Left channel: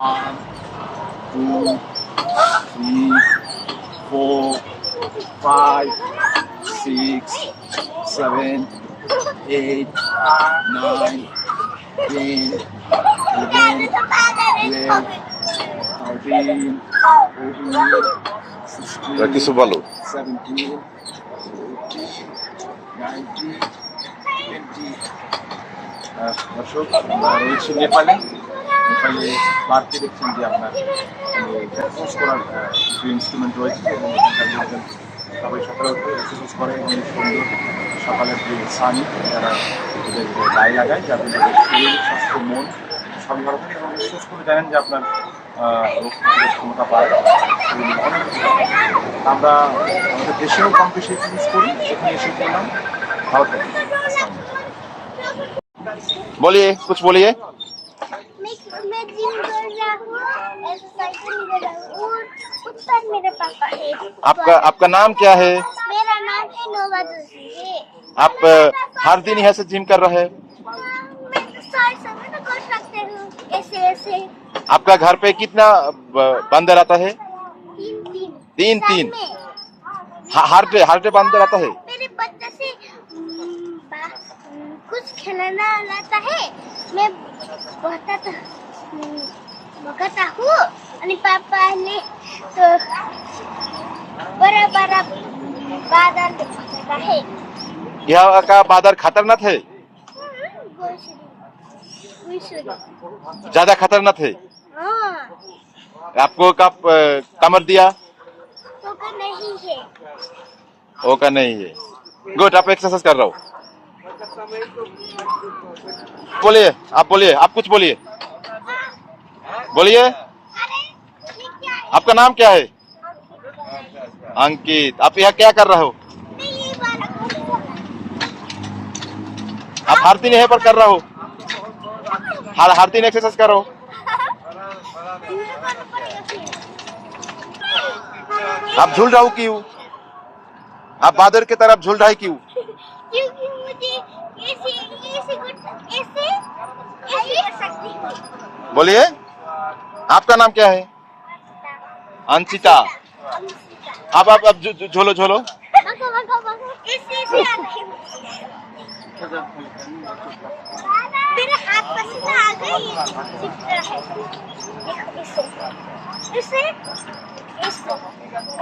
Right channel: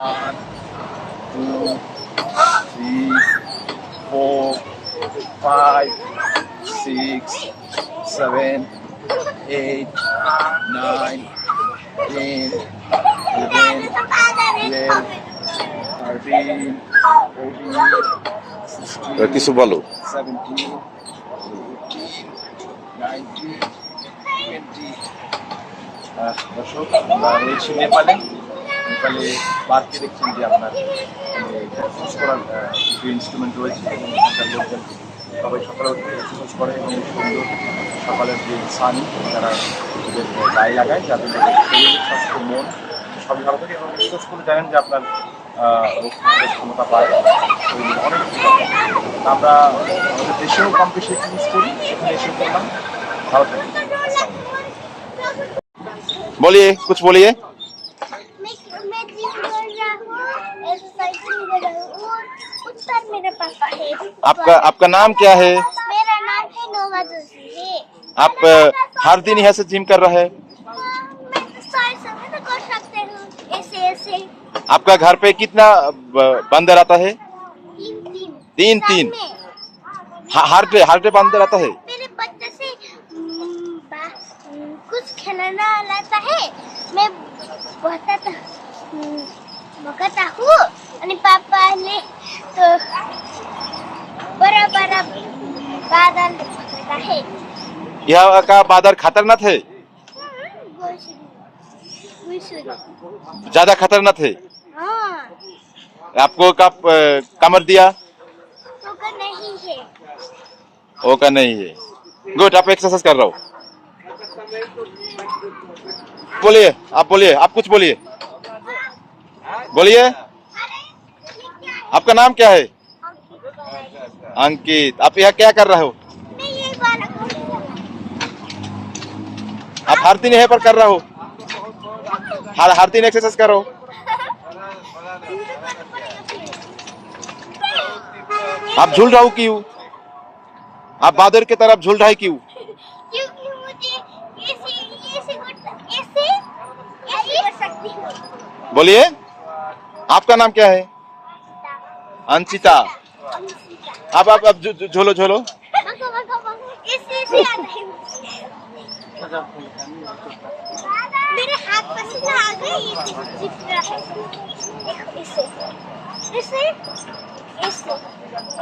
One, two, three, four, five, six, seven, eight, nine, ten, eleven, twelve, thirteen, fourteen, sixteen, seventeen, eighteen, nineteen, twenty. দর্শক আমরা রয়েছি নেপালে ওখানে বাড়তে দেখছেন যে আপনার মানে, এক্সারসাইজ করার কিছু ইনস্ট্রুমেন্ট রয়েছে এবং ওখানকার লোকজন সবাই সকালে উঠে করে এবং সুন্দর সকালের যে সানি যারা গায়ে লাগায়, যাদের শরীর, স্বাস্থ্য, মন সবই ভালো থাকে এবং করে জানেন যে আপনার ক্ষমতা পায় অনেক আমরা আমাদের দেশেও কম বেশি এক্সারসাইজ করি সেখানে এসে করলাম ভালো বলিয়ে বলিয়ে। उत्तर मेरे पापा है। आपका आपका नाम क्या है? मेरा नाम है नोवा जोशी। आप हर दिन यहाँ से जिम कर रहे हैं? मैं तो सारे समय तो हूँ ऐसे ऐसे। आपका घर पे कितना बंदर आता है? तीन तीन। ह- हर डे हर डे बंदर आता है? मेरे बच्चे से कुछ खिलाना लाता है। मैं बताता और पापा ने तो बड़ा बड़ा बादल बताता है यहाँ का बादर खतरनाक है ज़्यादा खतरनाक है आपको कब कमर दिया तो का नहीं है वो का नहीं है गुड आप एक्सरसाइज कर रहा हो बोलिए आप बोलिए आप कुछ बोलिए बोलिए। आपका नाम क्या है? अंकित। आप यहाँ क्या कर रहे हो? आप हर दिन यहाँ पर कर रहे हो? हर दिन एक्सरसाइज करो। आप झूल रहे हो क्यों? आप बादर की तरफ़ झूल रहे क्यों? बोलिए। आपका नाम क्या है? अंशिता। आप आप झू- झूलो झूलो। मेरे हाथ पसीना आ गया ये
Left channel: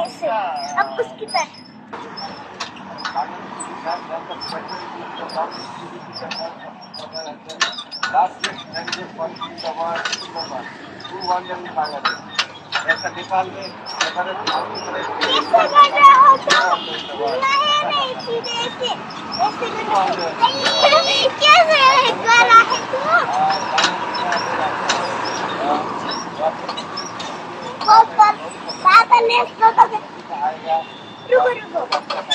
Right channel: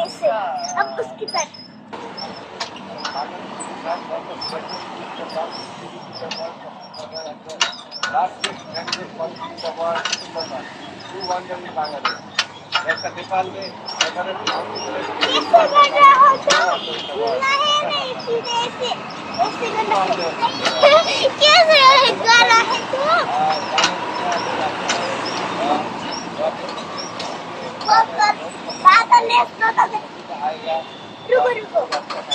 ऐसे अब उसकी तरफ़। ऐसे कर रहा हूँ तो नहीं नहीं फिर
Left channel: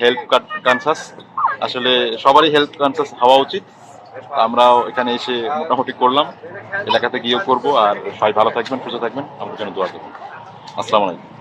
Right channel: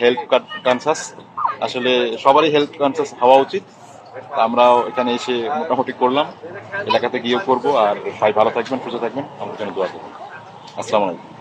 হেলথ কনসাস আসলে সবারই হেলথ কনসাস হওয়া উচিত। আমরাও এখানে এসে মোটামুটি করলাম। এলাকাতে গিয়েও করব। আর সবাই ভালো থাকবেন, সুস্থ থাকবেন। আমাদের জন্য দোয়া করবেন। আসসালামু আলাইকুম।